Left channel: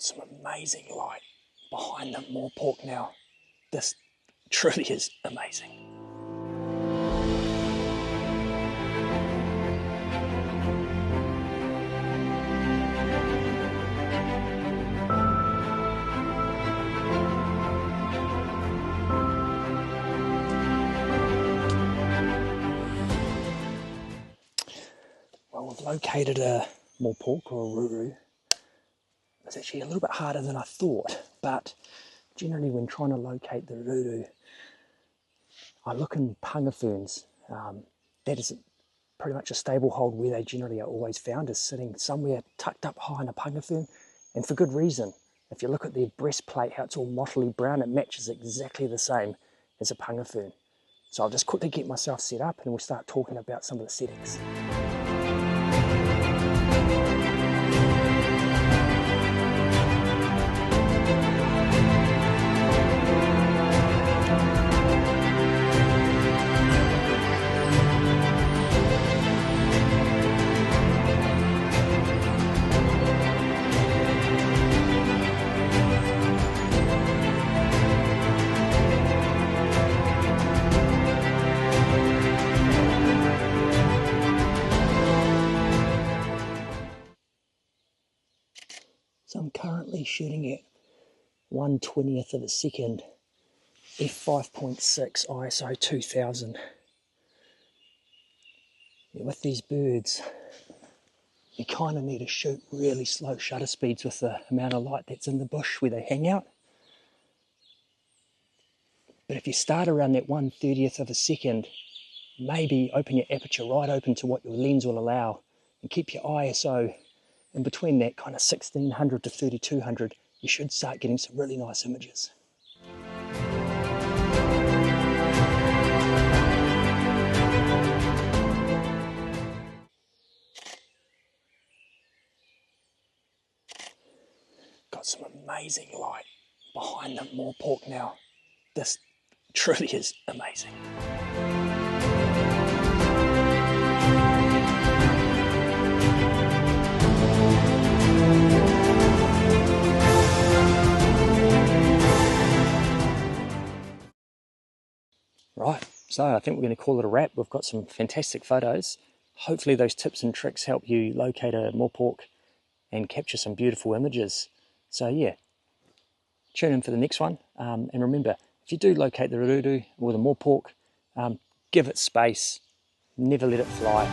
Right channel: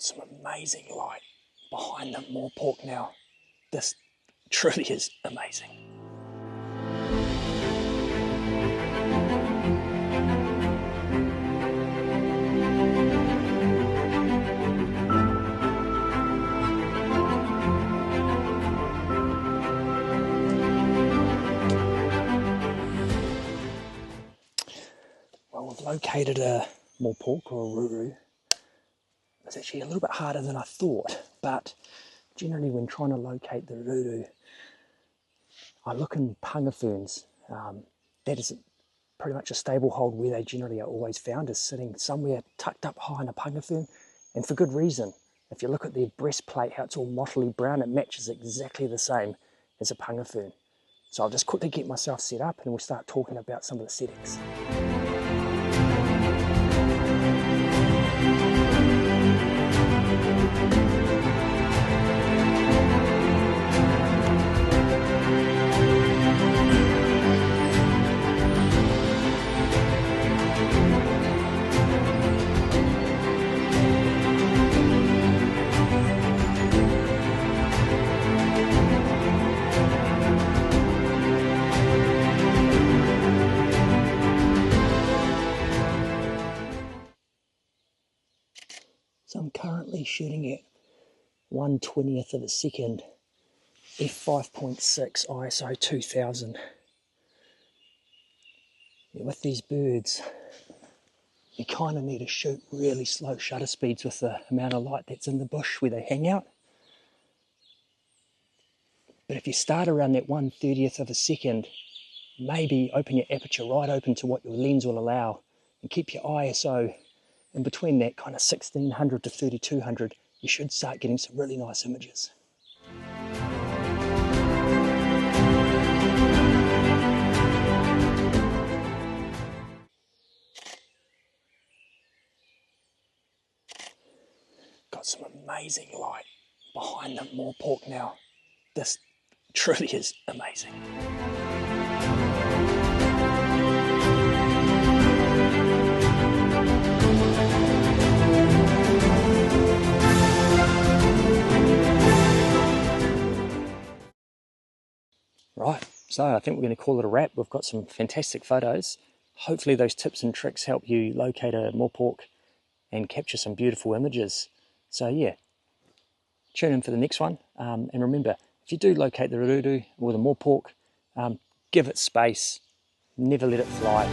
Got some amazing light behind the Morepork now. This truly is amazing. Well, we've located a Morepork or a ruru. It's actually a little bit harder than I thought, but generally when trying to locate the ruru, I look in punga ferns. That is pretty much a stable hold where they generally are always found, is sitting somewhere tucked up high in a punga fern, and for good reason. If you look at their breastplate, how it's all mottily brown, it matches exactly the same as a punga fern. So I'll just quickly get myself set up and we'll start talking about some of the settings. So I'm currently shooting at 1/20th of a second, f5.6 ISO 2000. Yeah, with these birds, you kind of need to shoot really slow shutter speeds with the amount of light that's in the bush where they hang out. But if you start around that 1/30th of a second, maybe open your aperture right open to what your lens will allow and keep your ISO in between that kind of 1600 to 3200, you should start getting some really nice images. Got some amazing light behind the Morepork now. This truly is amazing. Right, so I think we're going to call it a wrap. We've got some fantastic photos. Hopefully those tips and tricks help you locate a Morepork and capture some beautiful images. So yeah, tune in for the next one. And remember, if you do locate the ruru or the Morepork, give it space, never let it fly.